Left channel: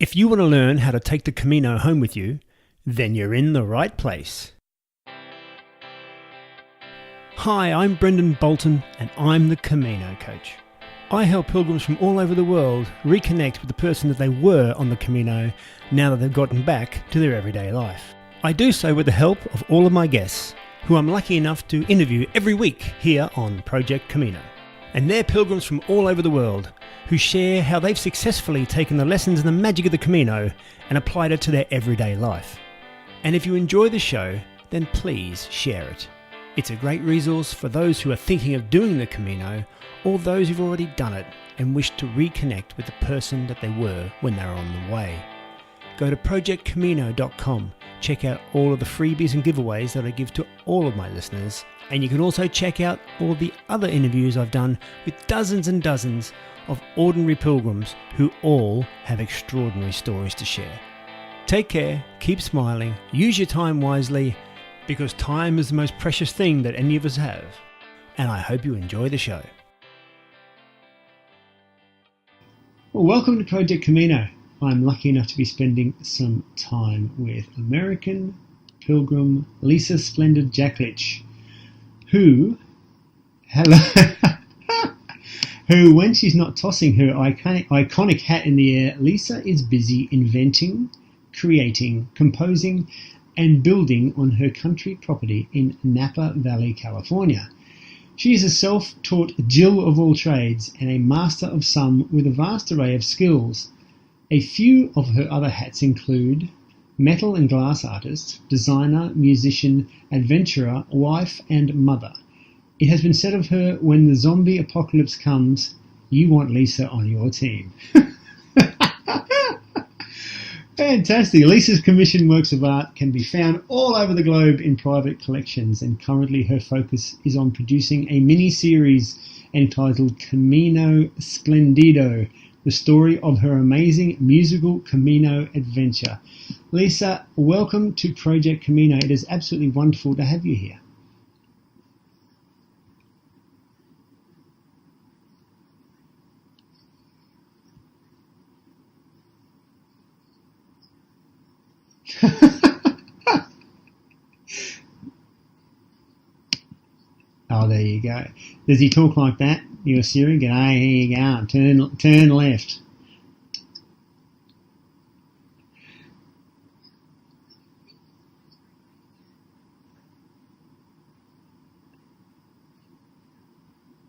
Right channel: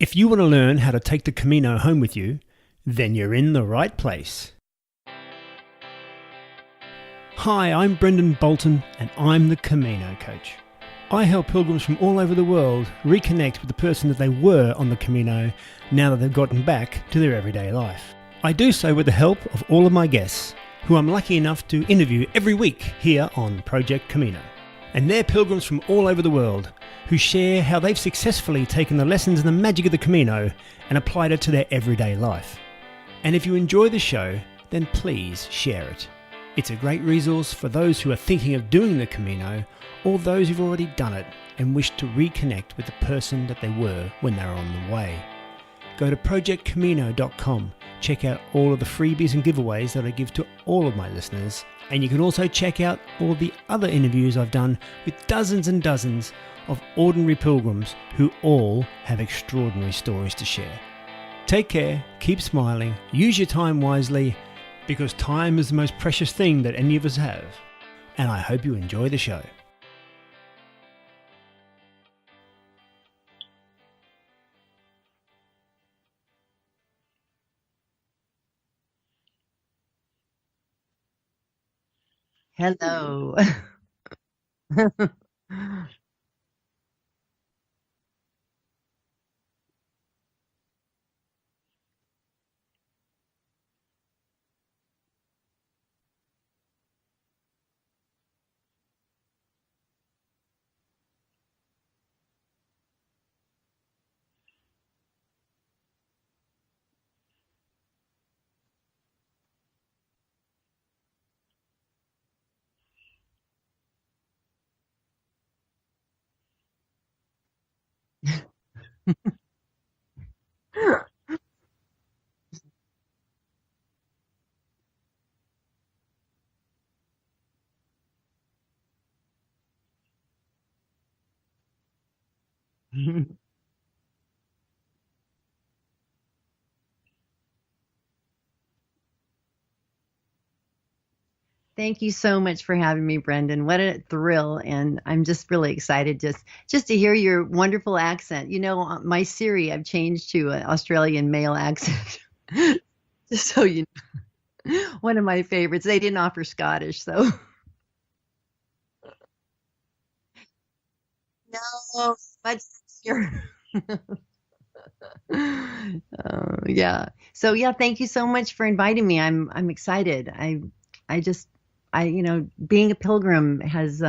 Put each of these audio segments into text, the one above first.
If you want to learn how to take the Camino home with you, then you're in the right place. Hi, I'm Brendan Bolton and I'm the Camino Coach. I help pilgrims from all over the world reconnect with the person that they were on the Camino now that they've gotten back to their everyday life. I do so with the help of all of my guests, who I'm lucky enough to interview every week here on Project Camino. And they're pilgrims from all over the world who share how they've successfully taken the lessons and the magic of the Camino and applied it to their everyday life. And if you enjoy the show, then please share it. It's a great resource for those who are thinking of doing the Camino or those who've already done it and wish to reconnect with the person that they were when they were on the way. Go to projectcamino.com, check out all of the freebies and giveaways that I give to all of my listeners, and you can also check out all the other interviews I've done with dozens and dozens of ordinary pilgrims who all have extraordinary stories to share. Take care, keep smiling, use your time wisely, because time is the most precious thing that any of us have. And I hope you enjoy the show. Well, welcome to Project Camino. I'm lucky enough to be spending some time with American Pilgrim Lisa Splendid Jacklich, who... Hello. who, when she's not tossing her iconic hat in the air, Lisa is busy inventing, creating, composing, and building on her country property in Napa Valley, California. She is a self-taught Jill of all trades and a master of some with a vast array of skills. A few of her other hats include metal and glass artist, designer, musician, adventurer, wife, and mother. It has been said of her, when the zombie apocalypse comes, you want Lisa on your team. Fantastic. Lisa's commissioned works of art can be found all over the globe in private collections, and currently her focus is on producing a mini-series entitled Camino Splendido, the story of her amazing musical Camino adventure. Lisa, welcome to Project Camino. It is absolutely wonderful to have you here. Thank you so much for having me, Brendan. What a thrill. And I'm just really excited just to hear your wonderful accent. You know, my Siri, I've changed to an Australian male accent. So, you know, one of my favorites. They didn't offer Scottish, so. Oh, there you go. Does he talk like that? Your Siri? G'day, here you go. Turn left. Yeah. So, yeah, thank you so much for inviting me. I'm excited. You know, being a pilgrim has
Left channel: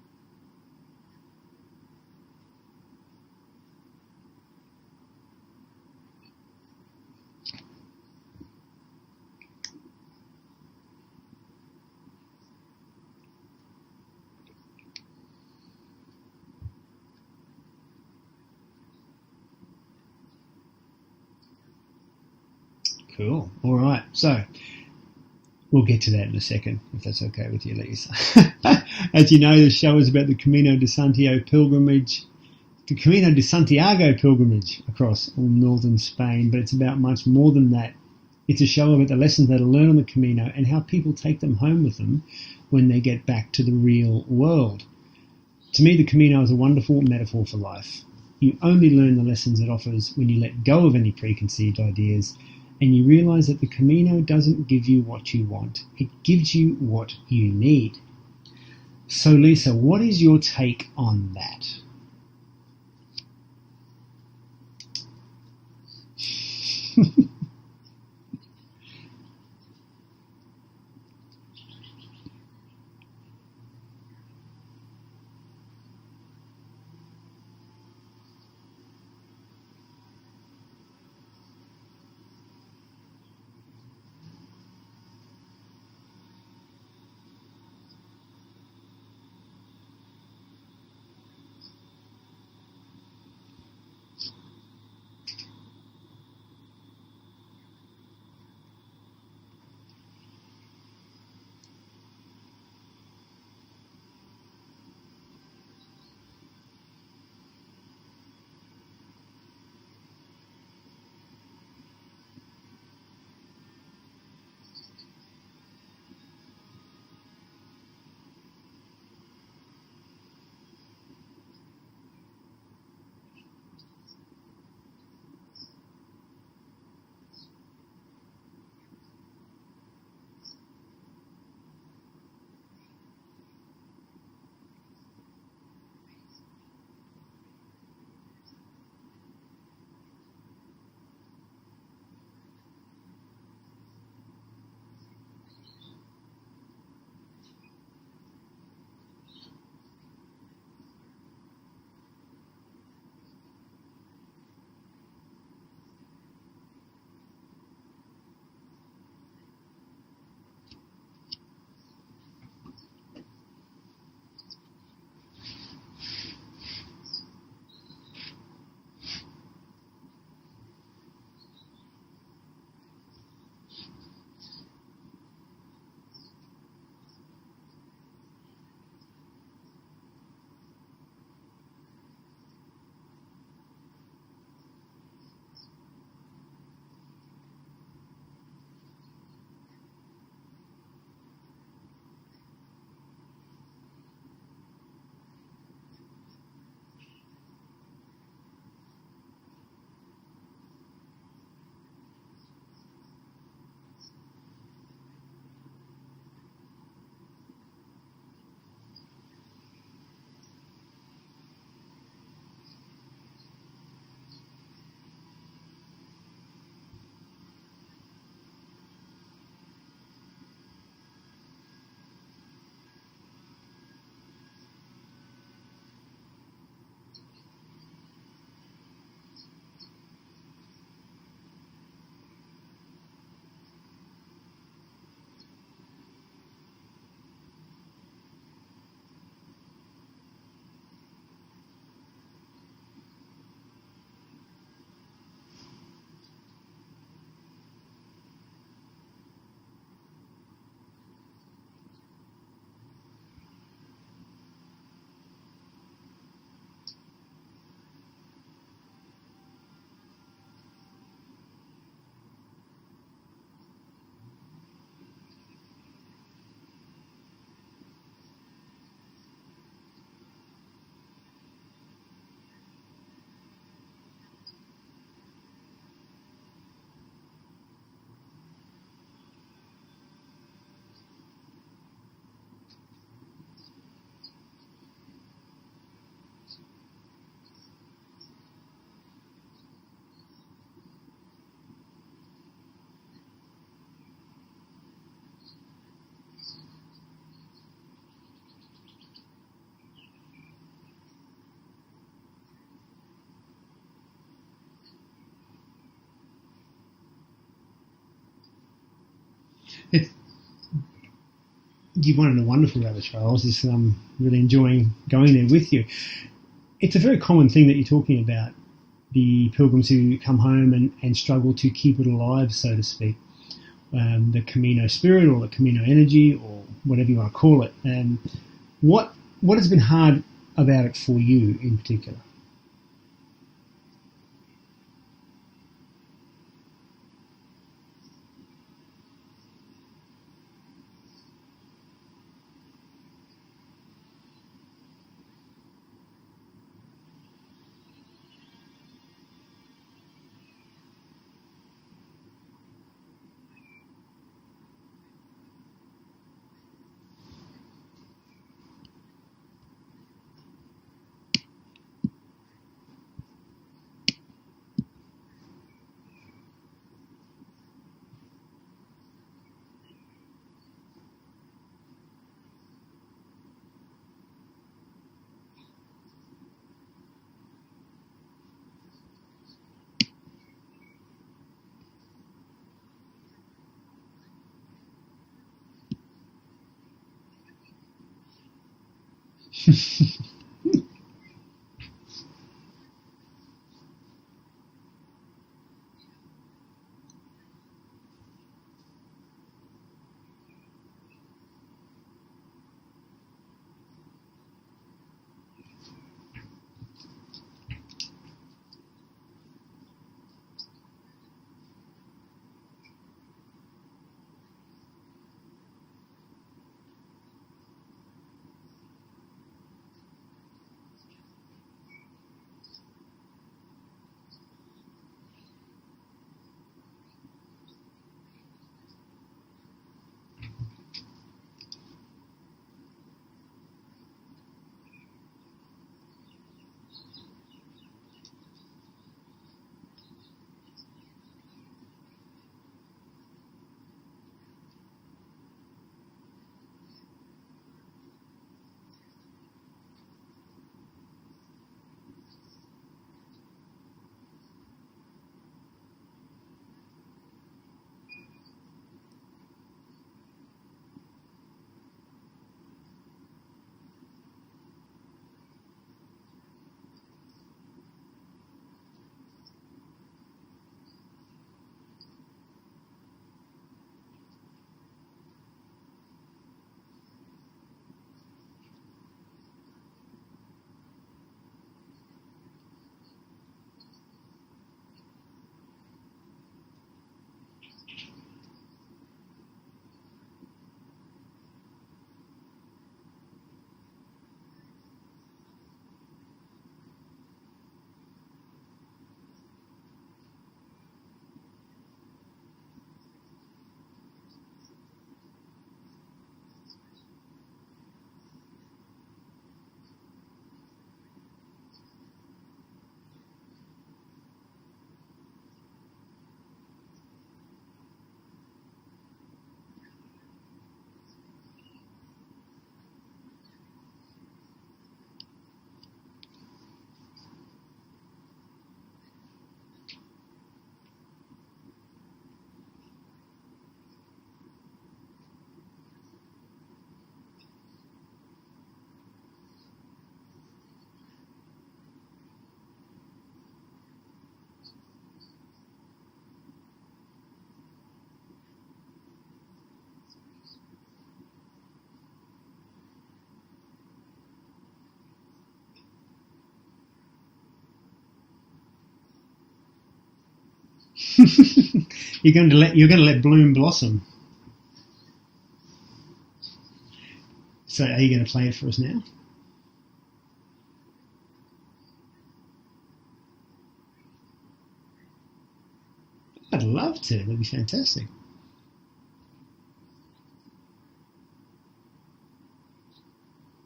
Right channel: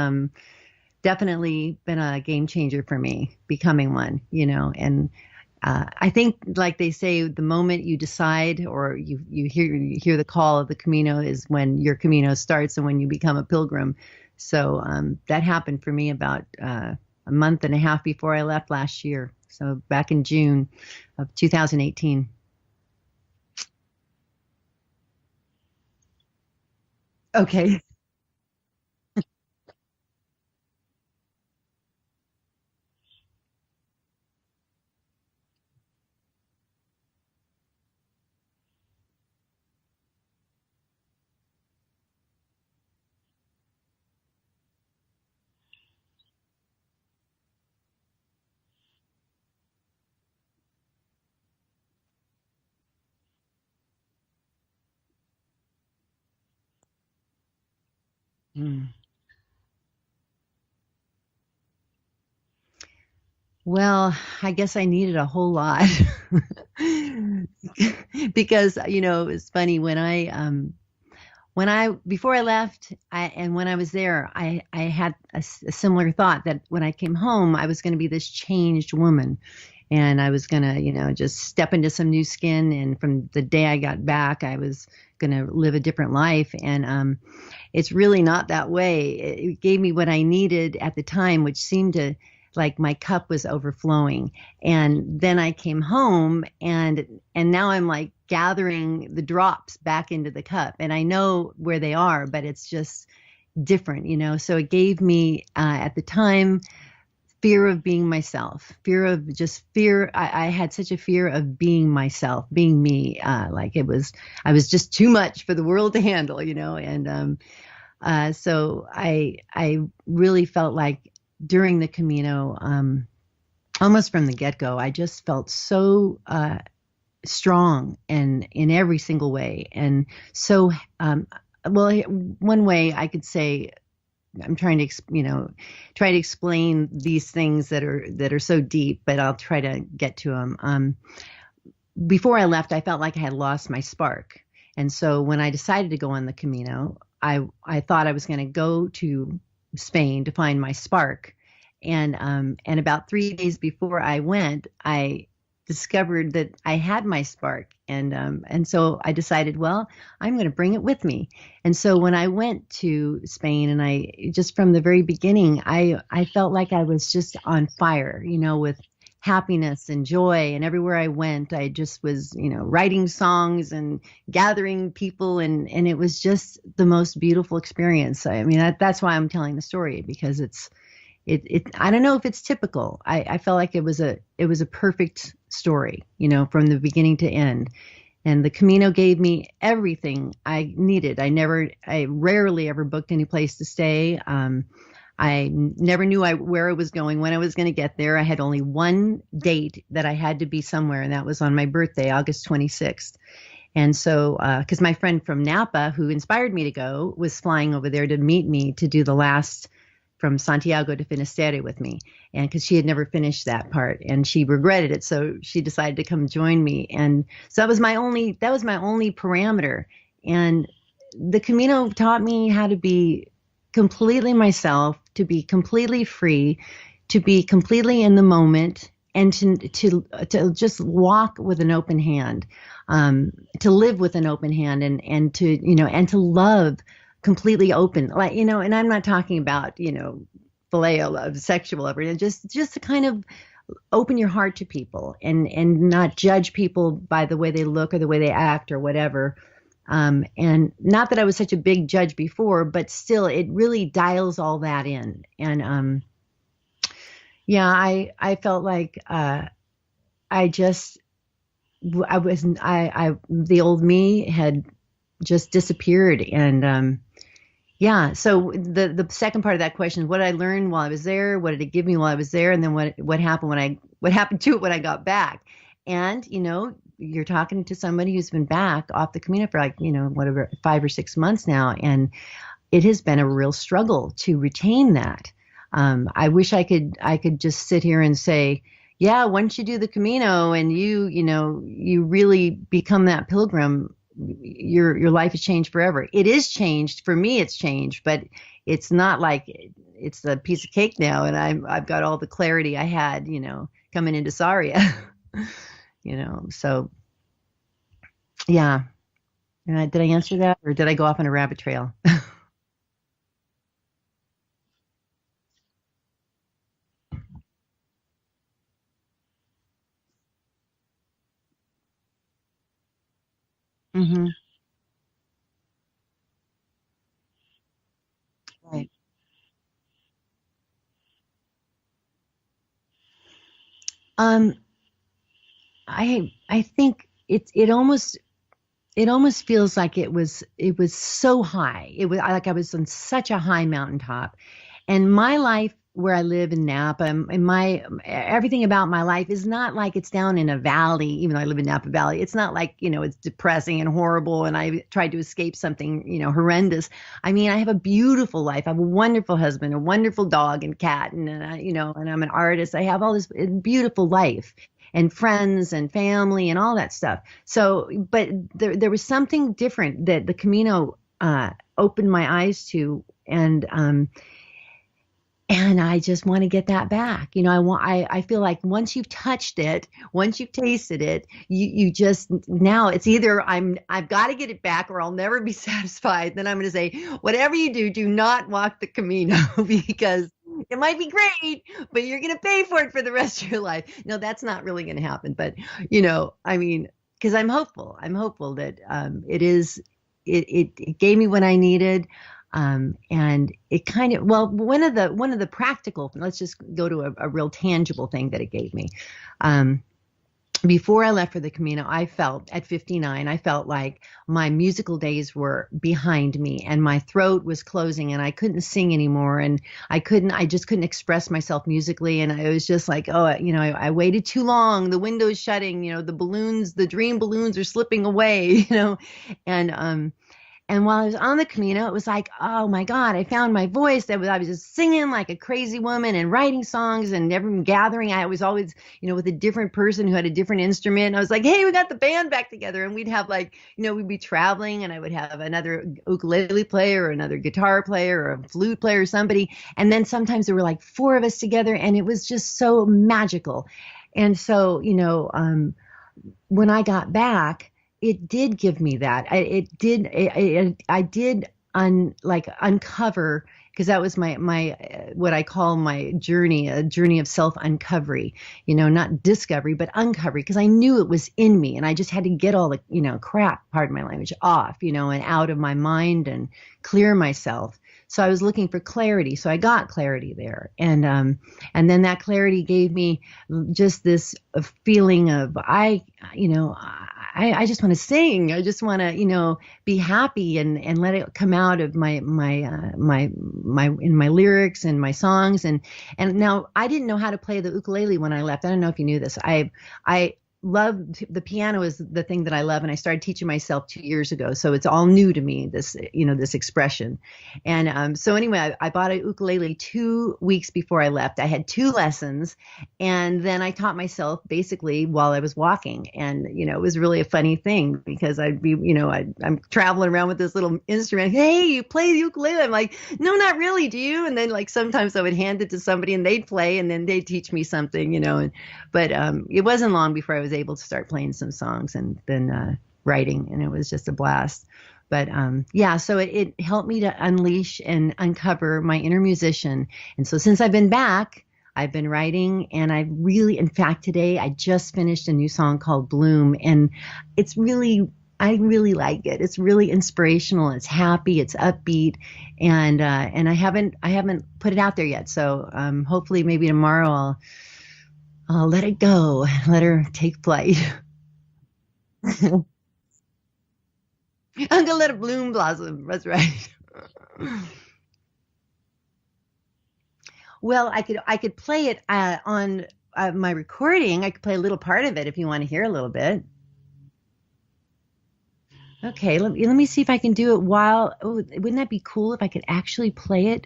definitely been a game changer for me, becoming one, you know, and I think, like they say, the moment you decide or you hear the call of the Camino is when your Camino starts and when you become a pilgrim. So that happened for me about a month and a half before I left last year. So back in June of 2018. Cool. All right. So we'll get to that in a second, if that's okay. Okay. Please. As you know, the show is about the Camino de Santiago pilgrimage, across all northern Spain, but it's about much more than that. It's a show about the lessons that are learned on the Camino and how people take them home with them when they get back to the real world. To me, the Camino is a wonderful metaphor for life. You only learn the lessons it offers when you let go of any preconceived ideas, and you realize that the Camino doesn't give you what you want. It gives you what you need. Mm. So, Lisa, what is your take on that? Well, I guess I needed a whole lot. Because, you know, it's funny, before I left and when I was there, I had a similar thought that when I came home, I was going to be this changed woman. And I was going to, you know, just step into some new skin. And from the day I got back, I was going to live a different life. And it's really not that way. It gave me what I needed at the time, which seemed to, like, my cup was overflowing. And then I came home and now I'm like gathering the drops back into the cup. And I know where they are, but it's just different, you know. So it gave me at the time fear of being myself, I had such a fear of being myself, being me, like I was just too much for the world to handle, you know. And so I really felt like during the Camino, almost from the get-go, I just felt so strong and in every single way. And so, well, one way I could say, I'm trying to, try to explain these things that are so deep, but I'll try to get to them. Before I left, I felt like I had lost my spark. And so when I decided to go on the Camino, I thought I was going to go to Spain to find my spark. And about 3 days before I went, I discovered that I had my spark. And so I decided, well, I'm going to bring it with me. And so when I went to Spain, and I just from the very beginning, I felt like I was just on fire, with happiness and joy. And everywhere I went, I just was, writing songs and gathering people. And it was just the most beautiful experience. I mean, that's why I'm telling the story, because I don't know if it's typical. I felt like it was a perfect story, from the beginning to end. And the Camino gave me everything I needed. I rarely ever booked any place to stay. I never knew where I was going, when I was going to get there. I had only one date that I had to be somewhere, and that was on my birthday, August 26th. And so, because my friend from Napa, who inspired me to go, was flying over there to meet me to do the last from Santiago to Finisterre with me. And because she had never finished that part, and she regretted it, so she decided to come join me. And so that was my only parameter. And the Camino taught me how to be completely myself, to be completely free, to be completely in the moment, and to just walk with an open hand, to live with an open hand, and to love completely open, like, and I'm not talking about, phileo love, sexual love, just to kind of open your heart to people, and not judge people by the way they look or the way they act or whatever. And not that I was such a big judge before, but still, it really dials all that in. And yeah, I felt like the old me had just disappeared. And yeah, so the second part of that question is, what did I learn while I was there? What did it give me while I was there? And then what happened what happened to it when I got back? And you're talking to somebody who's been back off the Camino for whatever, 5 or 6 months now, and it has been a real struggle to retain that. I wish I could just sit here and say, yeah, once you do the Camino and you really become that pilgrim, your life has changed forever. It is changed for me. It's changed, but it's not like it's a piece of cake now, and I've got all the clarity I had, coming into Saria. So yeah. Did I answer that, or did I go off on a rabbit trail? You went on a wonderful rabbit trail. I was just really enjoying going there with you. It's a very common thing that you're talking about, the pilgrims who come home and struggle to keep it alive, so to speak. The Camino spirit, or the Camino energy, or whatever you want to call it. And right. What has been hard about it for you in particular? I think it almost feels like it was so high. It was like I was on such a high mountaintop, and my life where I live in Napa, and everything about my life is not like it's down in a valley. Even though I live in Napa Valley, it's not like it's depressing and horrible, and I tried to escape something horrendous. I mean, I have a beautiful life. I have a wonderful husband, a wonderful dog and cat, and and I'm an artist. I have all this beautiful life, and friends and family and all that stuff. So, but there was something different that the Camino opened my eyes to, and I just want to get that back. I feel like once you've touched it, once you've tasted it, you just, now it's either I've got to get it back, or I'll never be satisfied. Then I'm going to say, whatever you do not walk the Camino, because it might be great, but you're going to pay for it for the rest of your life. No, that's not really going to happen. But, I mean, because I'm hopeful that it gave me what I needed. And it kind of, well, one of the practical, let's just go to a real tangible thing that it gave me. before I left for the Camino, I felt at 59, I felt like my musical days were behind me and my throat was closing and I couldn't sing anymore. And I just couldn't express myself musically. And I was just like, oh, I waited too long. The window's shutting, the dream balloons are slipping away, and while I was on the Camino, it was like, oh my God, I found my voice. I was just singing like a crazy woman and writing songs and everyone gathering. I was always, with a different person who had a different instrument. And I was like, hey, we got the band back together. And we'd have we'd be traveling and I would have another ukulele player or another guitar player or a flute player or somebody. And then sometimes there were like 4 of us together and it was just so magical. And so, when I got back, it did give me that. I did uncover, because that was my what I call my journey, a journey of self-uncovery, not discovery, but uncovery, because I knew it was in me and I just had to get all the, crap, pardon my language, off, and out of my mind and clear myself. So I was looking for clarity. So I got clarity there. And then that clarity gave me just this feeling of, I just want to sing. I just want to, be happy and let it come out of my lyrics and my songs. And now I didn't know how to play the ukulele when I left. I don't know if you knew this. I love the piano is the thing that I love. And I started teaching myself 2 years ago. So it's all new to me, this expression. And so anyway, I bought a ukulele 2 weeks before I left. I had 2 lessons and then I taught myself basically while I was walking. And, it was really a funny thing because I'd be, I'm traveling around with this little instrument. Hey, you play the ukulele? I'm like, no, not really. Do you? And then sometimes I would hand it to somebody and they'd play and then they'd teach me something, but it wasn't long before I was able to start playing some songs and then writing, and it was just a blast. But so it helped me to unleash and uncover my inner musician. And so since I've been back, I've been writing, and in fact, today I just finished a new song called Bloom, and I really like it. It's really inspirational. It's happy. It's upbeat, and I haven't put it out there yet. So hopefully, maybe tomorrow I'll let it go, let her take flight. You're going to let bloom blossom. I'm gonna let it bloom blossom. That's right. So, are you going to play it for us now? Well, I could play it on my recording. I could play a little part of it if you want to hear a little bit. I'd love to. That'd be fantastic. Okay, let me see if I can do it while. Oh, wouldn't that be cool if I could actually play it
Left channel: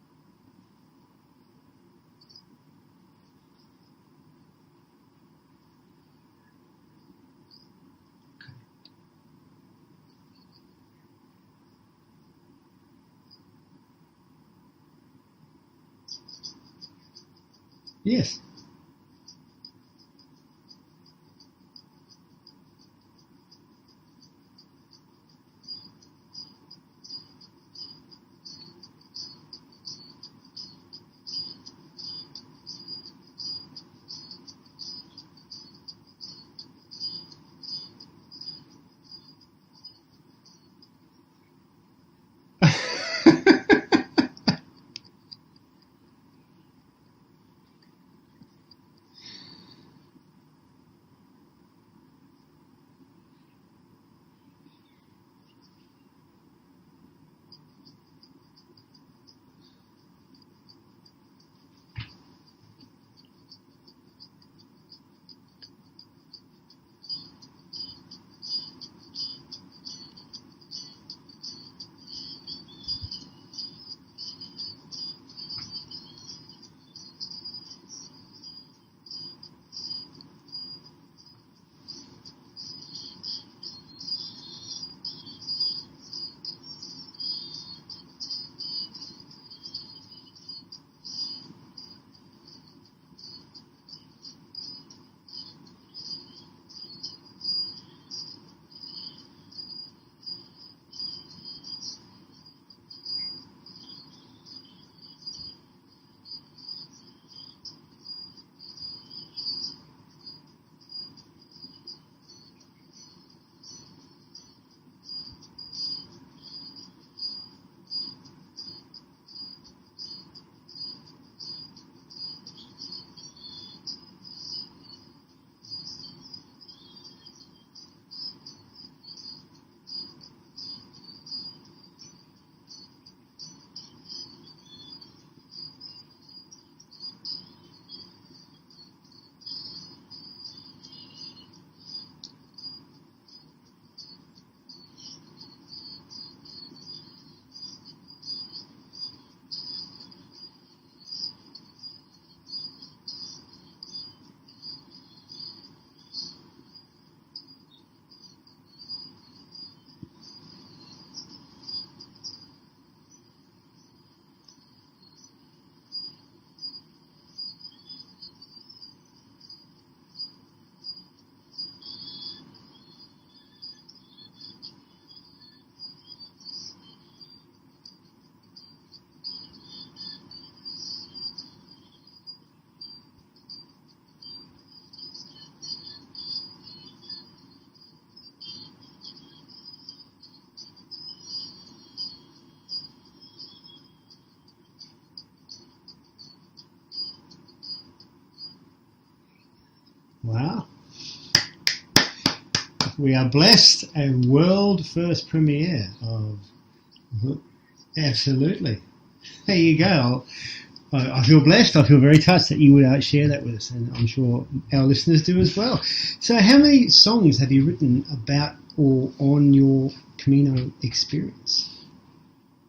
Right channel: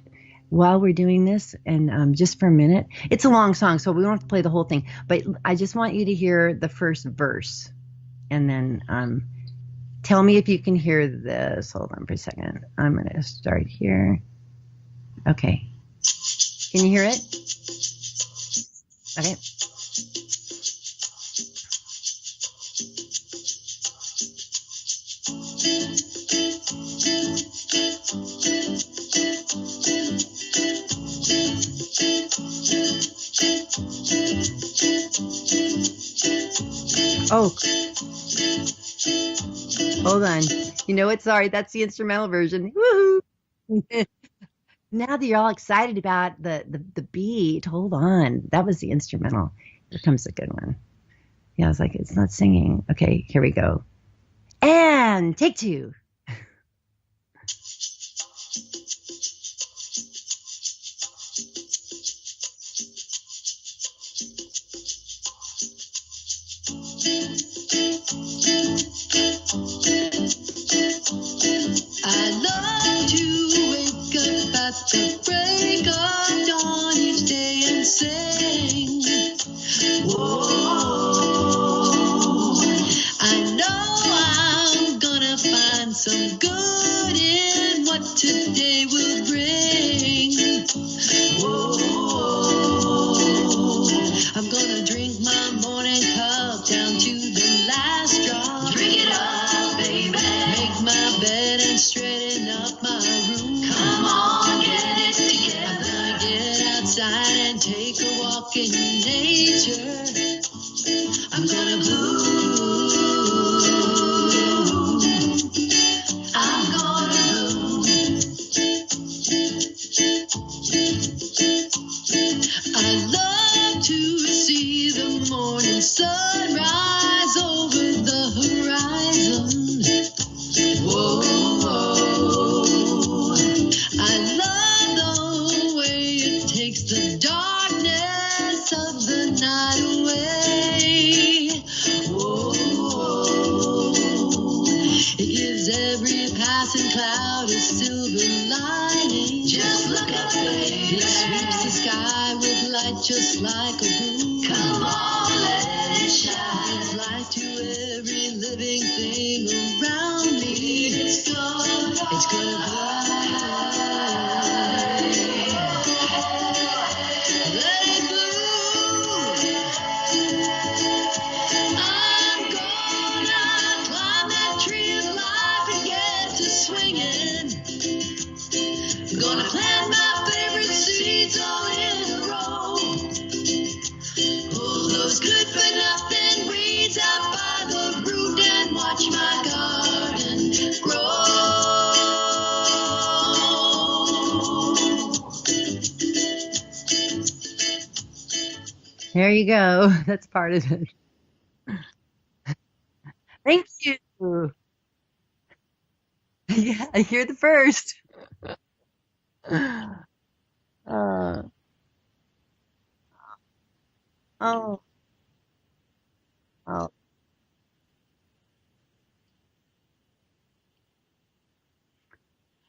while we're doing this, and just for a minute. It's a long song, so we don't have to play the whole thing, but I just want you to hear the first verse, and then tell me if you can hear this. Hold on for a second. I'm going to start here. Okay. Can you hear it? Yes. Okay. Oh, hold on. You know what? Sorry, that's the instrumental version. Now that you're all excited about the beat, hold on. That was the instrumental. Here comes the good one. Yeah, I was like, it's not singing. Okay, here we go. And take 2. just like a groove. Come on, let it shine. It's light to every living thing around me. It's gonna fly. Let it bloom. I'm gonna climb that tree of life and get to swinging. Gonna plant my favorite seeds all in a row. Pull those good for nothing weeds out by the root and watch my garden grow. There you go. That's part of it. We are blessed. A world first premiere of. Yeah, you're the first. Absolutely. There you go. I feel blessed. I feel very touched that you would share that with us, and I'm sure our listeners do as well. So how many songs have you written about or on your Camino experience?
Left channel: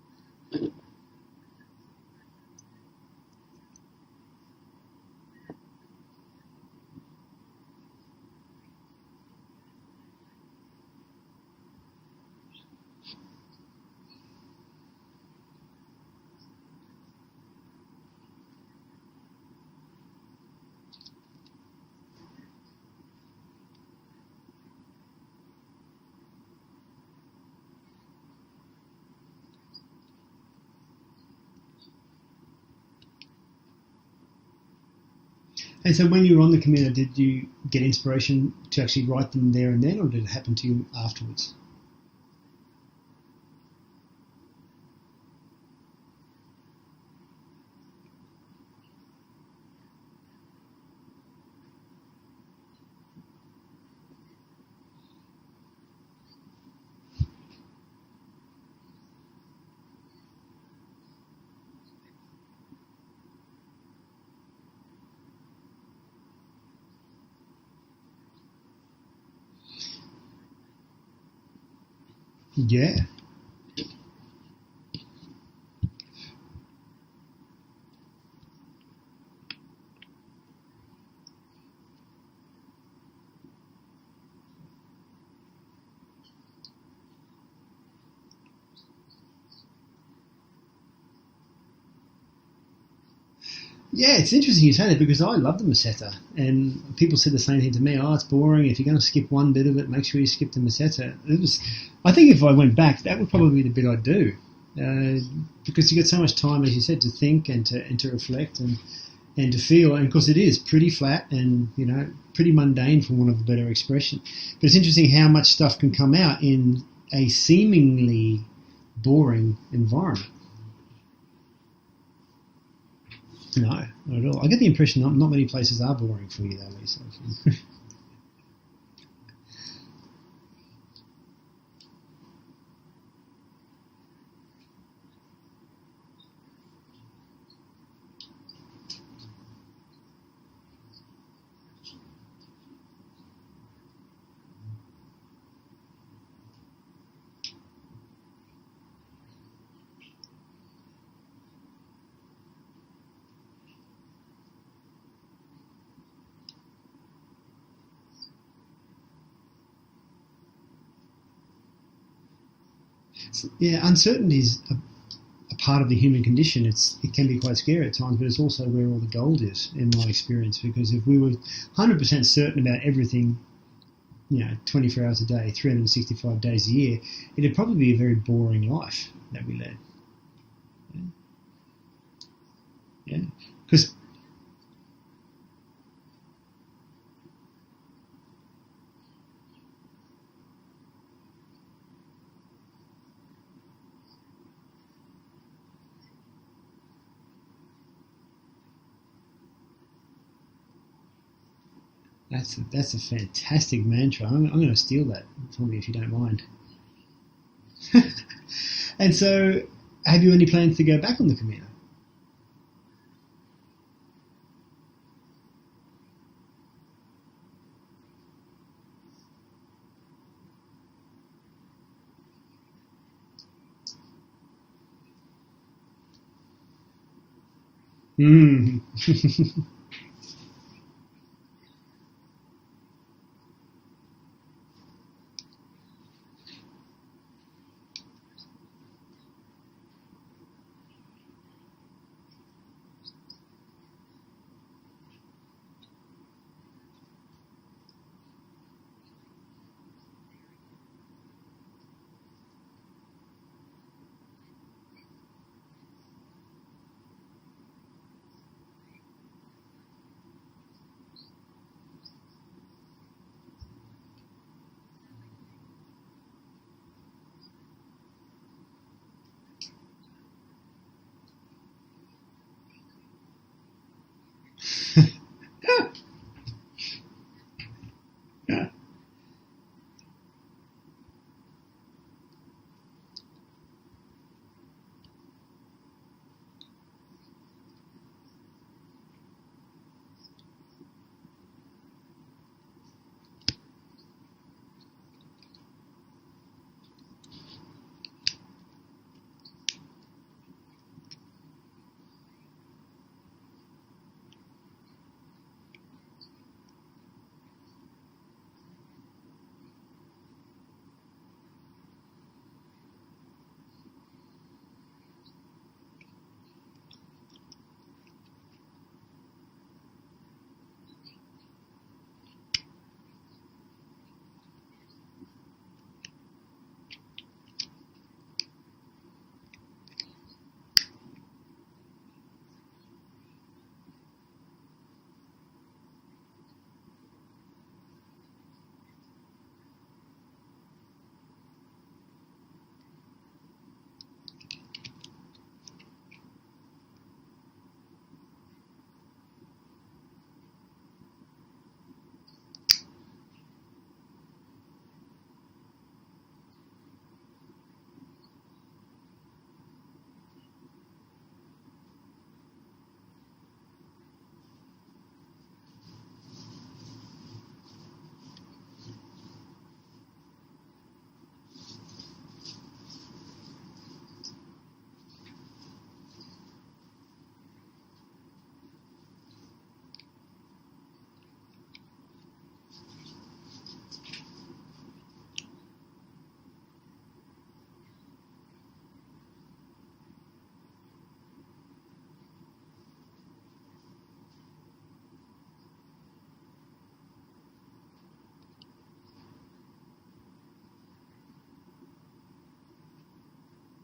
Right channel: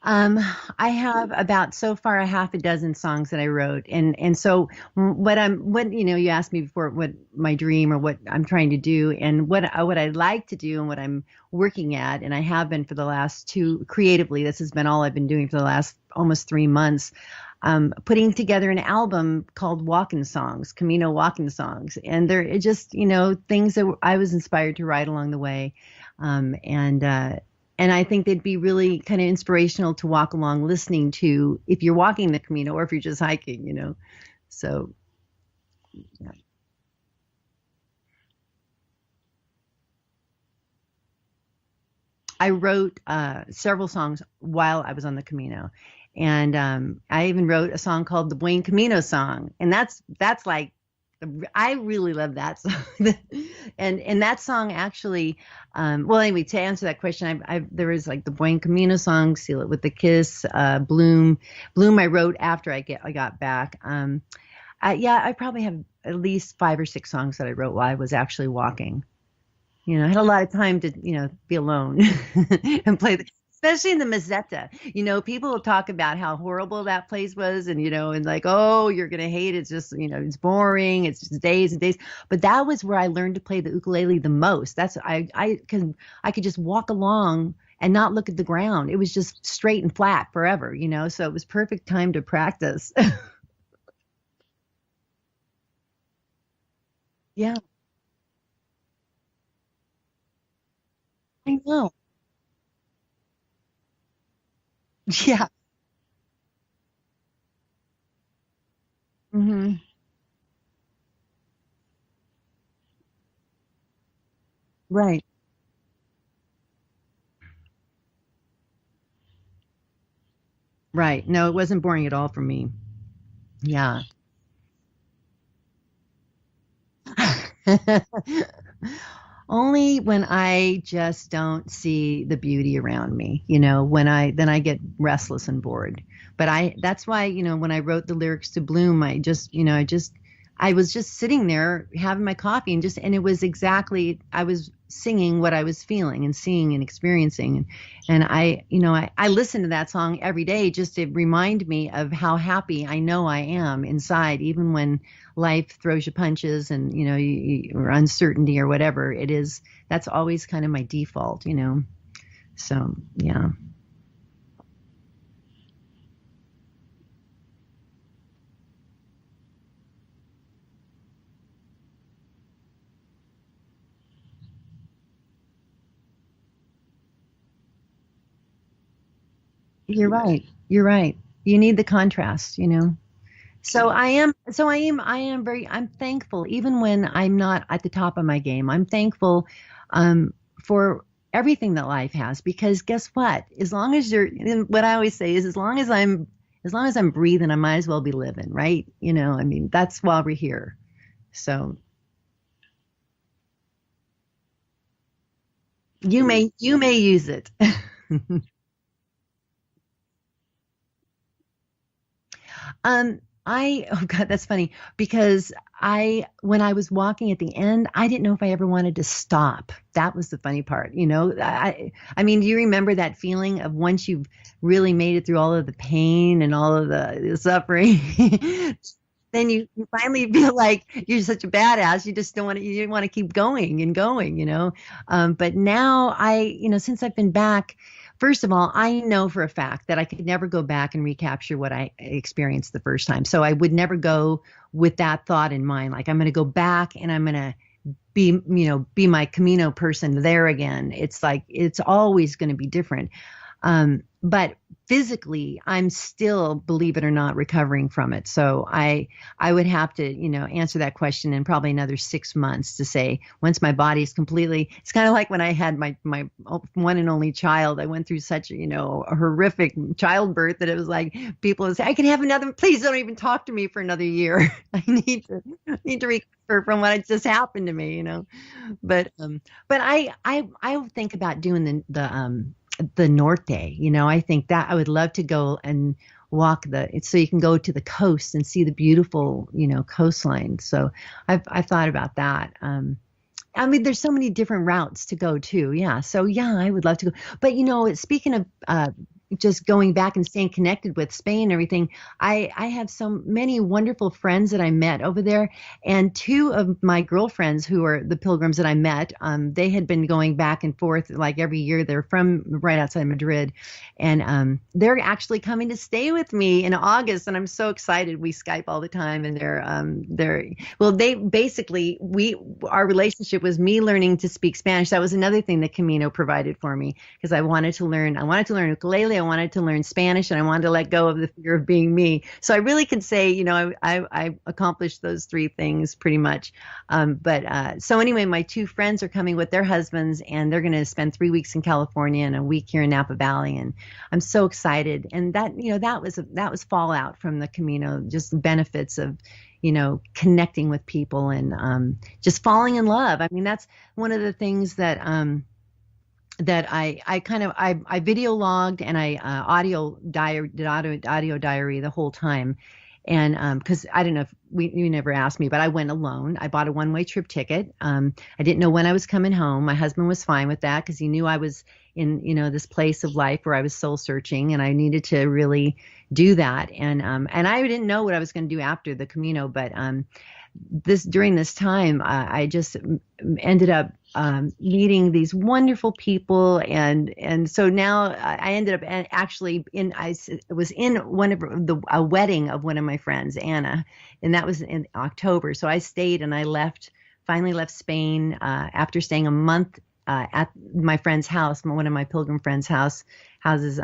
I have about so far a half a dozen songs that I wrote, and so what you asked me before, what my dream or what I'm trying to do, and what I'd like to do, and what I'm working at, and I have been for the last creatively. This has been all I've been doing for the last almost 3 months. Putting together an album called Walking Songs, Camino Walking Songs, and they're just things that I was inspired to write along the way, and I think they'd be really kind of inspirational to walk along listening to if you're walking the Camino or if you're just hiking, so. And so when you were on the Camino, did you get inspiration to actually write them there and then, or did it happen to you afterwards? I wrote several songs while I was on the Camino. And I even wrote a song called the BUEN CAMiNO song. And that's like, I really love that song. and that song actually, well, anyway, to answer that question, there was like the BUEN CAMiNO song, Seal It with a Kiss, Bloom I wrote after I got back. I probably have at least 5 or 6 songs that I wrote while I was actually walking. I had a lot of time to, be alone and play especially in the Meseta. People will talk about how horrible that place was and, and like, oh, you're going to hate it. It's just, it's boring. It's just days and days. But that was where I learned to play the ukulele the most. That's, I could just walk along and not look at the ground. It was just straight and flat forever, so it was perfect time to practice. Yeah, it's interesting you say that because I love the Meseta, and people said the same thing to me. Oh, it's boring. If you're going to skip one bit of it, make sure you skip the Meseta. I think if I went back, that would probably be the bit I'd do. Because you get so much time, as you said, to think and to reflect and to feel. And of course, it is pretty flat and pretty mundane, for want of a better expression. But it's interesting how much stuff can come out in a seemingly boring environment. Right. No, it wasn't boring at all for me. No, not at all. I get the impression not many places are boring for you, though, Lisa. Only when I just don't see the beauty around me, then I get restless and bored. But that's why, when I wrote the lyrics to Bloom, I was just sitting there having my coffee and it was exactly, I was singing what I was feeling and seeing and experiencing. And I listen to that song every day just to remind me of how happy I know I am inside, even when life throws you punches and, or uncertainty or whatever it is. That's always kind of my default, So, yeah. Yeah, uncertainty is a part of the human condition. It can be quite scary at times, but it's also where all the gold is, in my experience, because if we were 100% certain about everything, 24 hours a day, 365 days a year, it'd probably be a very boring life that we led. You're right. You need the contrast, Yeah. So I'm thankful, even when I'm not at the top of my game. I'm thankful for everything that life has, because guess what? As long as what I always say is, as long as I'm breathing, I might as well be living, right? That's why we're here. So that's a fantastic mantra. I'm going to steal that from you if you don't. You may use it. And so, have you any plans to go back on the Camino? Oh God, that's funny, because when I was walking at the end, I didn't know if I ever wanted to stop. That was the funny part, you know. I mean, do you remember that feeling of once you've really made it through all of the pain and all of the suffering, then you finally feel like you're such a badass. You just don't want to. You want to keep going and going, you know. But now you know, since I've been back. First of all, I know for a fact that I could never go back and recapture what I experienced the first time. So I would never go with that thought in mind. Like I'm going to go back and I'm going to be my Camino person there again. It's like, it's always going to be different. But physically, I'm still, believe it or not, recovering from it. So I would have to, you know, answer that question in probably another 6 months to say, once my body is completely, it's kind of like when I had my one and only child. I went through such, you know, a horrific childbirth that it was like people would say, I can have another, please don't even talk to me for another year. I need to recover from what just happened to me, you know. But I think about doing the Norte, you know. I think that I would love to go and walk so you can go to the coast and see the beautiful, you know, coastline. So I've thought about that. I mean, there's so many different routes to go too. Yeah. So yeah, I would love to go. But you know, speaking of just going back and staying connected with Spain and everything, I have so many wonderful friends that I met over there, and two of my girlfriends who are the pilgrims that I met, they had been going back and forth like every year. They're from right outside Madrid, and they're actually coming to stay with me in August, and I'm so excited. We Skype all the time, and our relationship was me learning to speak Spanish. That was another thing that Camino provided for me, because I wanted to learn ukulele, I wanted to learn Spanish, and I wanted to let go of the fear of being me. So I really could say, you know, I accomplished those three things pretty much. So anyway, my two friends are coming with their husbands, and they're going to spend 3 weeks in California and a week here in Napa Valley, and I'm so excited. And that, you know, that was fallout from the Camino, just benefits of, you know, connecting with people and just falling in love. I mean, that's one of the things that I video logged, and I audio diary the whole time. And because I don't know if you never asked me, but I went alone. I bought a one-way trip ticket. I didn't know when I was coming home. My husband was fine with that because he knew I was in, you know, this place of life where I was soul searching, and I needed to really do that. And I didn't know what I was going to do after the Camino, but during this time, I just ended up meeting these wonderful people, and so now I ended up actually was in a wedding of one of my friends, Anna, and that was in October. So I stayed, and I finally left Spain after staying a month at my friend's house, one of my pilgrim friends' houses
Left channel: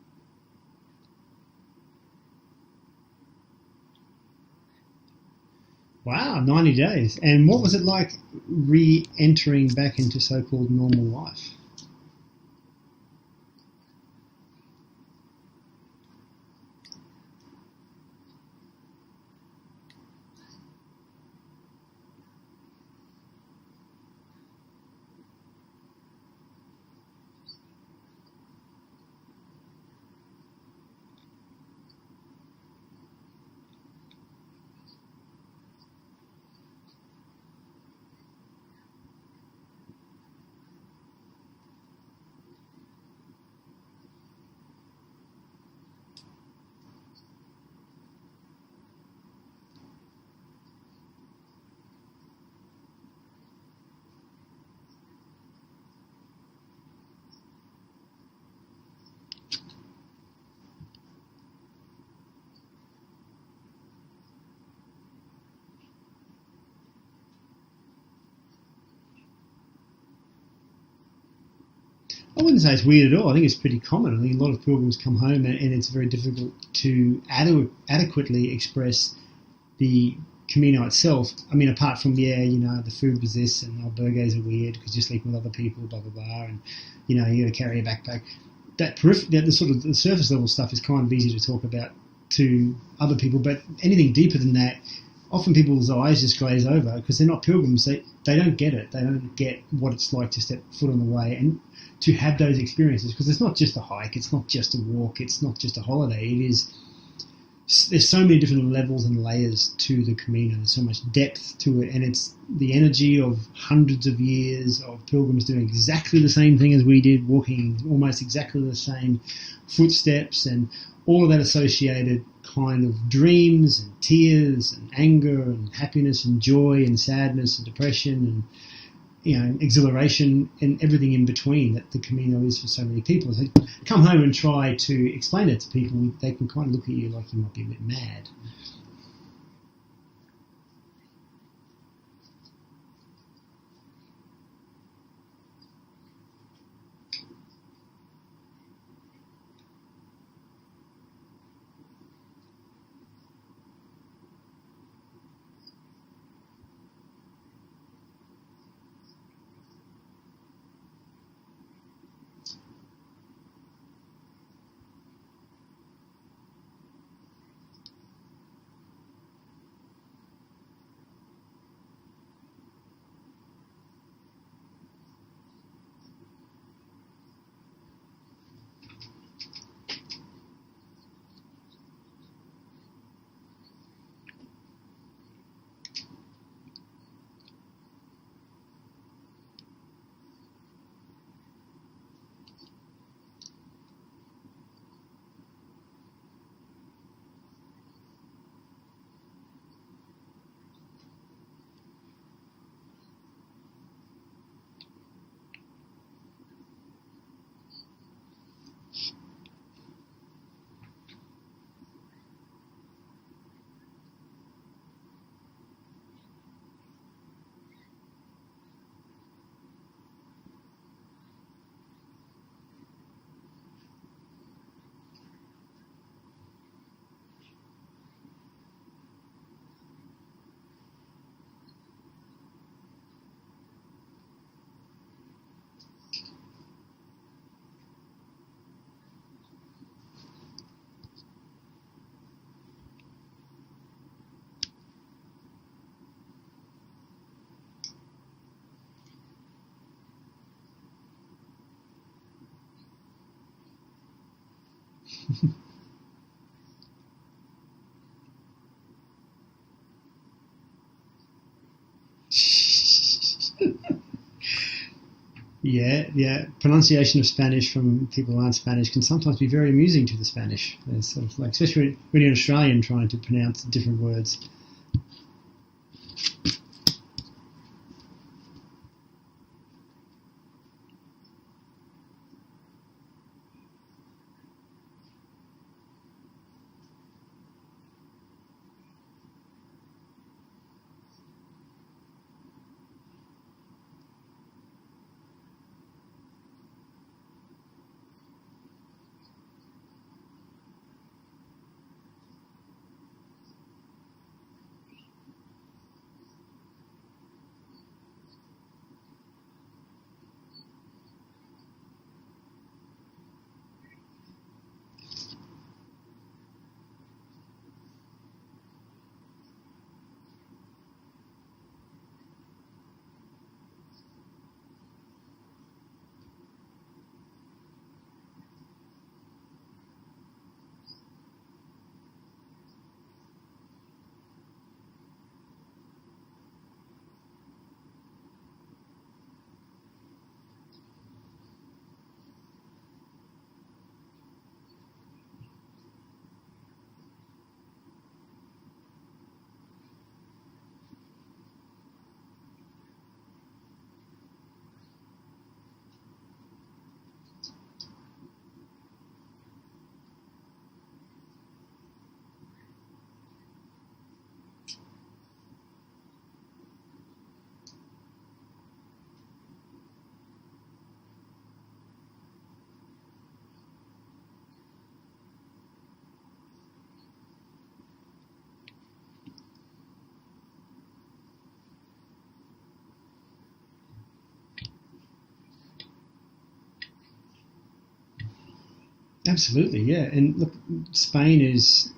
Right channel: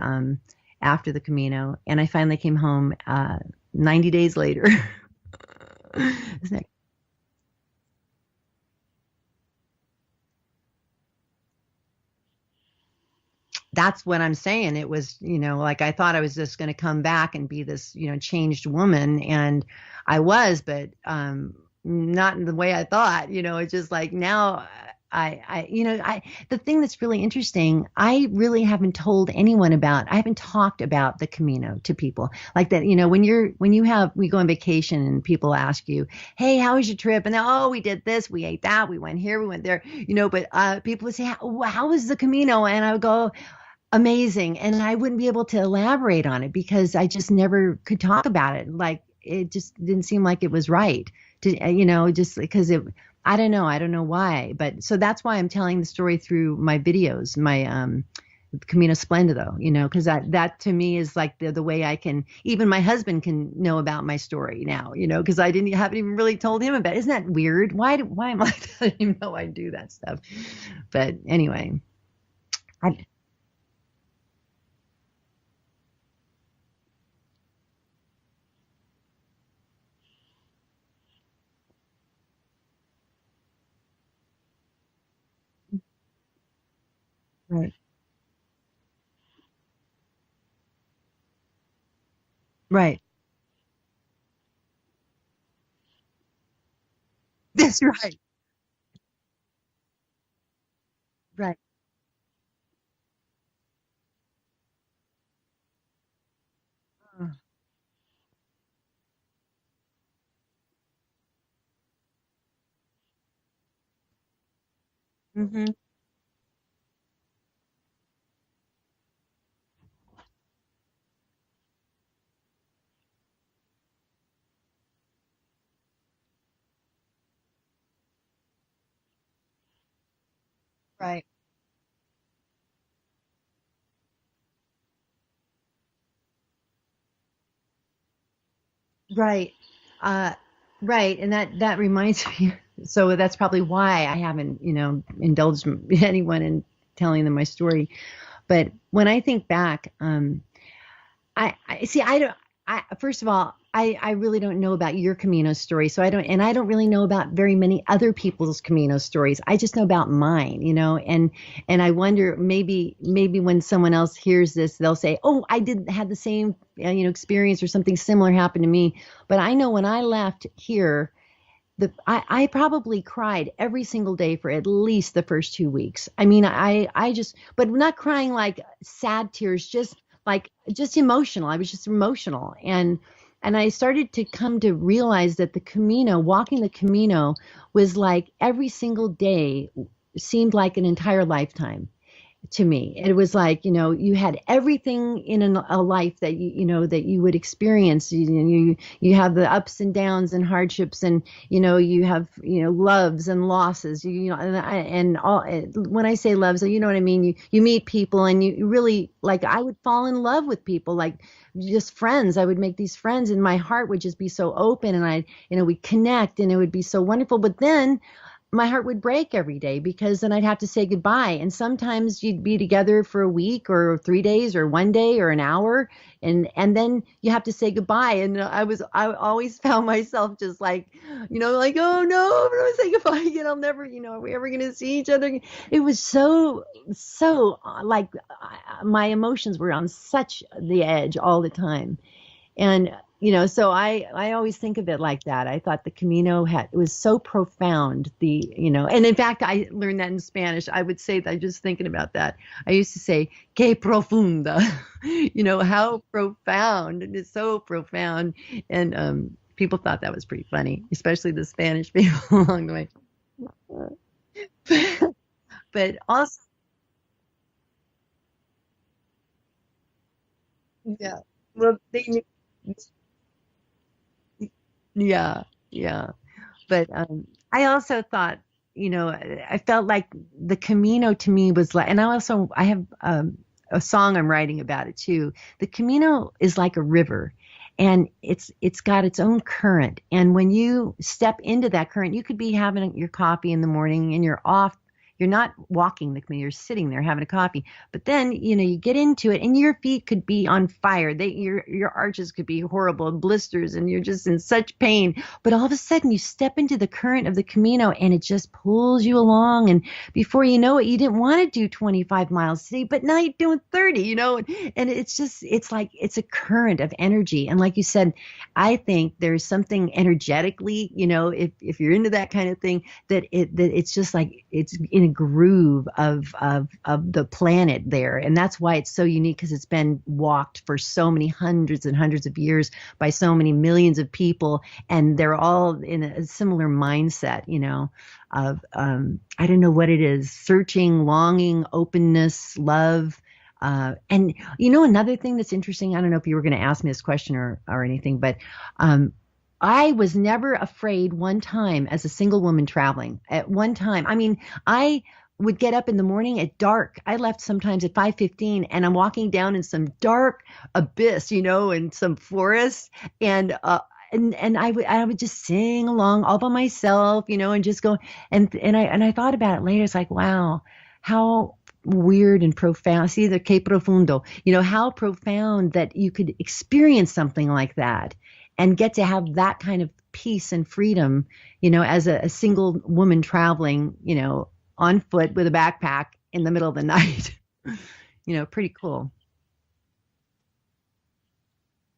after the Camino, and I finally came home 90 days later. Wow, 90 days. And what was it like re-entering back into so-called normal life? That's what I'm saying. It was, you know, like I thought I was just going to come back and be this, you know, changed woman. And I was, but not in the way I thought. You know, it's just like now the thing that's really interesting, I really haven't told anyone I haven't talked about the Camino to people like that. You know, when we go on vacation and people ask you, hey, how was your trip? And we did this, we ate that, we went here, we went there, you know, but people would say, how was the Camino? And I would go, amazing. And I wouldn't be able to elaborate on it because I just never could talk about it. Like, it just didn't seem like it was right to, you know, just because I don't know why, but so that's why I'm telling the story through my videos, my Camino Splendido, you know, because that to me is like the way I can, even my husband can know about my story now, you know, because I haven't even really told him about it. Isn't that weird? Why am I telling him know I do that stuff? But anyway. I wouldn't say it's weird at all. I think it's pretty common. I think a lot of pilgrims come home and it's very difficult to adequately express the Camino itself. I mean, apart from, you know, the food was this, and albergues are weird because you're sleeping with other people, blah, blah, blah, and, you know, you got to carry a backpack. The sort of the surface level stuff is kind of easy to talk about to other people, but anything deeper than that, often people's eyes just glaze over because they're not pilgrims. Right. They don't get it. They don't get what it's like to step foot on the way and to have those experiences, because it's not just a hike, it's not just a walk, it's not just a holiday. It is there's so many different levels and layers to the Camino, so much depth to it, and it's the energy of hundreds of years of pilgrims doing exactly the same thing as we did, walking almost exactly the same footsteps, and all of that associated kind of dreams and tears and anger and happiness and joy and sadness and depression and, you know, exhilaration and everything in between that the Camino is for so many people. So come home and try to explain it to people. They can kind of look at you like you might be a bit mad. Right. Right. And that reminds me. So that's probably why I haven't, you know, indulged anyone in telling them my story. But when I think back, first of all, I really don't know about your Camino story. So I don't really know about very many other people's Camino stories. I just know about mine, you know, and I wonder maybe when someone else hears this, they'll say, oh, I had the same, you know, experience or something similar happened to me. But I know when I left here, I probably cried every single day for at least the first 2 weeks. I mean, I just, but not crying like sad tears, just emotional. I was just emotional. And I started to come to realize that the Camino, walking the Camino, was like every single day seemed like an entire lifetime to me. It was like, you know, you had everything in a life that you know that you would experience. You have the ups and downs and hardships, and you know you have, you know, loves and losses. You know, and all. When I say loves, you know what I mean. You meet people, and you really, like, I would fall in love with people, like just friends. I would make these friends, and my heart would just be so open, and we'd connect, and it would be so wonderful. But then my heart would break every day, because then I'd have to say goodbye. And sometimes you'd be together for a week or 3 days or 1 day or an hour, and then you have to say goodbye. And I always found myself just like, you know, like, oh no, I'm gonna say goodbye again. I'll never, you know, are we ever gonna see each other again? It was so like my emotions were on such the edge all the time. And you know, so I always think of it like that. I thought the Camino it was so profound, you know, and in fact, I learned that in Spanish. I would say that, just thinking about that, I used to say, que profunda, you know, how profound. And it's so profound. And people thought that was pretty funny, especially the Spanish people along the way. Yeah, also, pronunciation of Spanish from people who aren't Spanish can sometimes be very amusing to the Spanish. Sort of like, especially when you're an Australian trying to pronounce different words. Yeah. But I also thought, you know, I felt like the Camino to me was like, and I have a song I'm writing about it too. The Camino is like a river. And it's got its own current. And when you step into that current, you could be having your coffee in the morning and you're off. You're not walking the Camino, you're sitting there having a coffee. But then, you know, you get into it and your feet could be on fire. Your arches could be horrible, blisters, and you're just in such pain. But all of a sudden you step into the current of the Camino and it just pulls you along. And before you know it, you didn't want to do 25 miles today, but now you're doing 30, you know. And it's like it's a current of energy. And like you said, I think there's something energetically, you know, if you're into that kind of thing, that it's just like it's in a groove of the planet there. And that's why it's so unique, because it's been walked for so many hundreds and hundreds of years by so many millions of people, and they're all in a similar mindset, you know, of I don't know what it is, searching, longing, openness, love. And you know, another thing that's interesting, I don't know if you were going to ask me this question or anything, but I was never afraid one time as a single woman traveling. At one time, I mean, I would get up in the morning at dark. I left sometimes at 5:15, and I'm walking down in some dark abyss, you know, in some forest, and I would just sing along all by myself, you know, and just go. And I thought about it later. It's like, wow, how weird and profound. See, the que profundo, you know, how profound that you could experience something like that and get to have that kind of peace and freedom, you know, as a single woman traveling, you know, on foot with a backpack in the middle of the night. You know, pretty cool. Absolutely, yeah. And look, Spain is,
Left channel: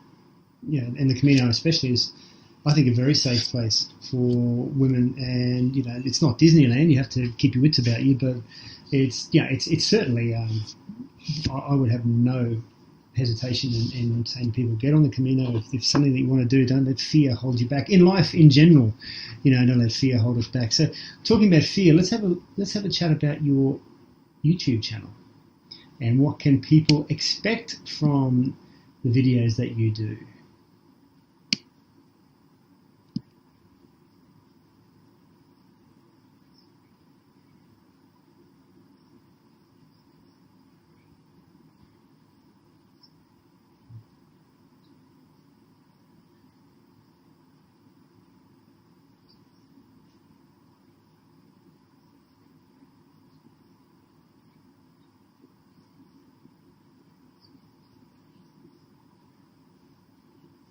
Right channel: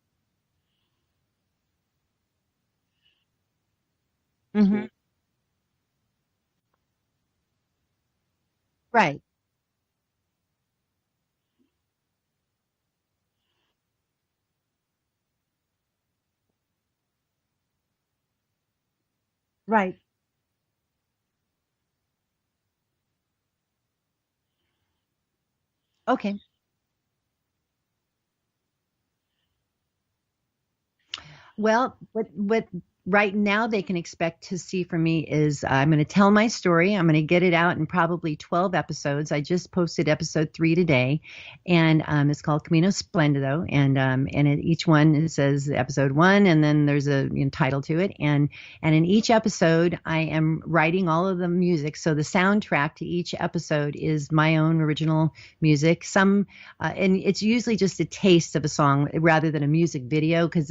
you know, and the Camino especially is, I think, a very safe place for women. And, you know, it's not Disneyland. You have to keep your wits about you, but it's, you know, it's certainly, I would have no hesitation in saying to people, get on the Camino. If something that you want to do, don't let fear hold you back. In life in general, don't let fear hold us back. So talking about fear, let's have a chat about your YouTube channel. And what can people expect from the videos that you do? Well, what right now they can expect to see from me is I'm going to tell my story. I'm going to get it out in probably 12 episodes. I just posted episode 3 today, and it's called Camino Splendido. And each one, it says episode 1, and then there's a title to it. And in each episode, I am writing all of the music. So the soundtrack to each episode is my own original music. And it's usually just a taste of a song rather than a music video, because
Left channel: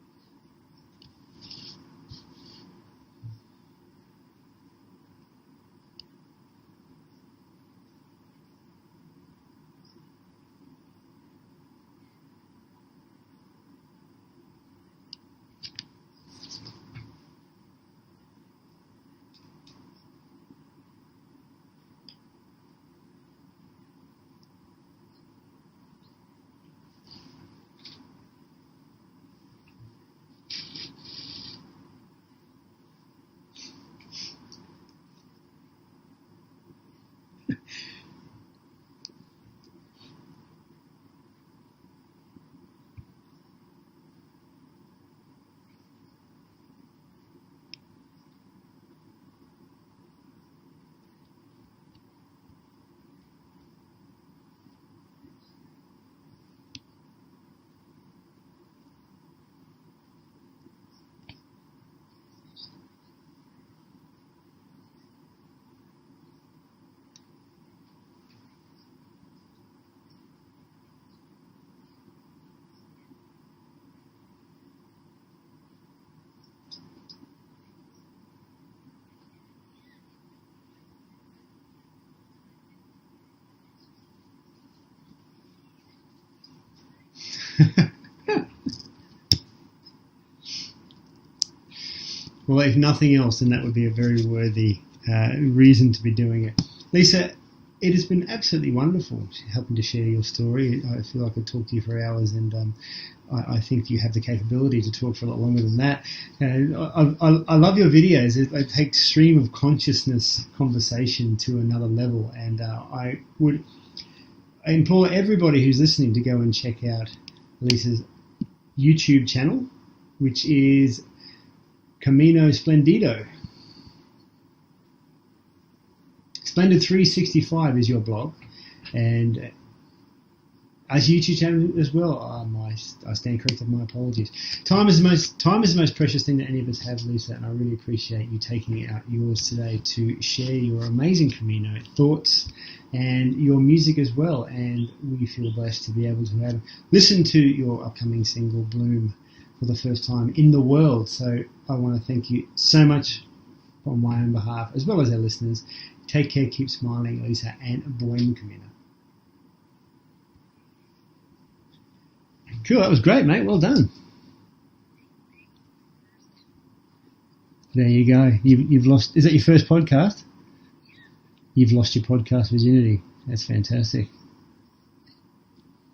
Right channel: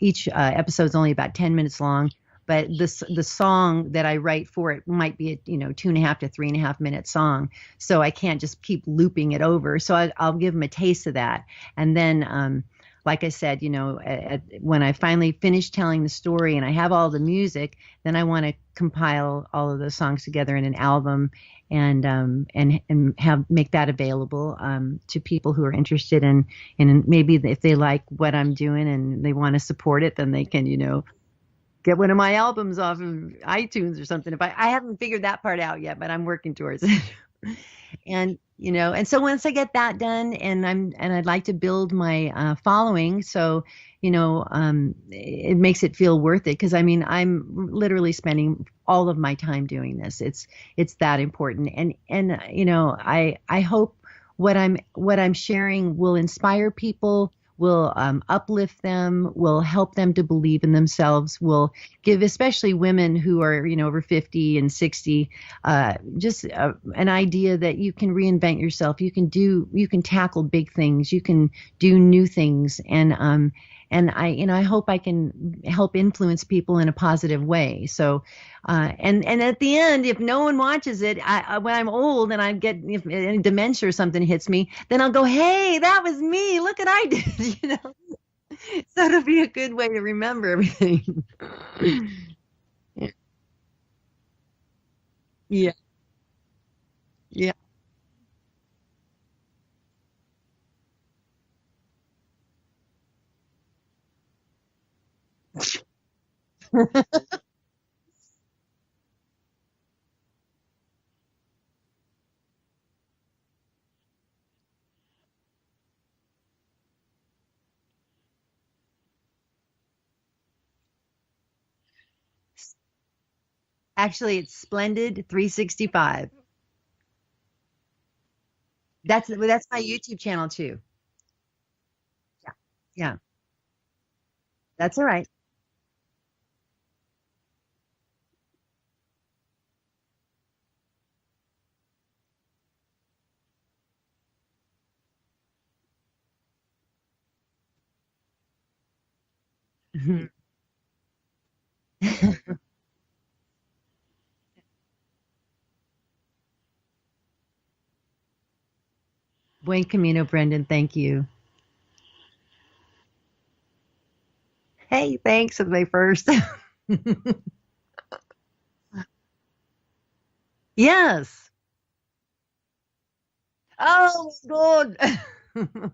each episode's only about 10 minutes long, but the song that I write for it might be a 2.5 to 3.5 minute song, so I can't just keep looping it over. So I'll give them a taste of that, and then like I said, when I finally finish telling the story and I have all the music, then I want to compile all of those songs together in an album and make that available to people who are interested in maybe if they like what I'm doing and they want to support it, then they can get one of my albums off of iTunes or something. If I haven't figured that part out yet, but I'm working towards it. And so once I get that done, and I'd like to build my following, so it makes it feel worth it, because I'm literally spending all of my time doing this. It's that important, and I hope what I'm sharing will inspire people, will uplift them, will help them to believe in themselves, will give especially women who are over 50 and 60 just an idea that you can reinvent yourself, you can tackle big things, you can do new things, and I hope I can help influence people in a positive way. So and at the end, if no one watches it, when I'm old and if any dementia or something hits me, then I'll go, hey, that was me. Look what I did. So it'll be a good way to remember everything. Well, if nothing else, then that would be a very worthy reason to be doing it. Lisa, it has been absolutely wonderful helping to share your story. I feel like I could talk to you for hours, and I think you have the capability to talk for a lot longer than that. I love your videos. They take stream of consciousness conversation to another level, and I implore everybody who's listening to go and check out Lisa's YouTube channel, which is Camino Splendido. Actually, it's Splendid 365. Splendid 365 is your blog. And that's my YouTube channel too. As YouTube channel as well. I stand corrected. My apologies. Time is the most precious thing that any of us have, Lisa, and I really appreciate you taking out yours today to share your amazing Camino thoughts and your music as well. And we feel blessed to be able to have listened to your upcoming single Bloom for the first time in the world. So I want to thank you so much on my own behalf, as well as our listeners. Take care, keep smiling, Lisa, and Buen Camino. Buen Camino, Brendan. Thank you. Cool. That was great, mate. Well done. Hey, thanks. It's my first. There you go. You've lost. Is that your first podcast? Yes. You've lost your podcast virginity. That's fantastic. Oh, good.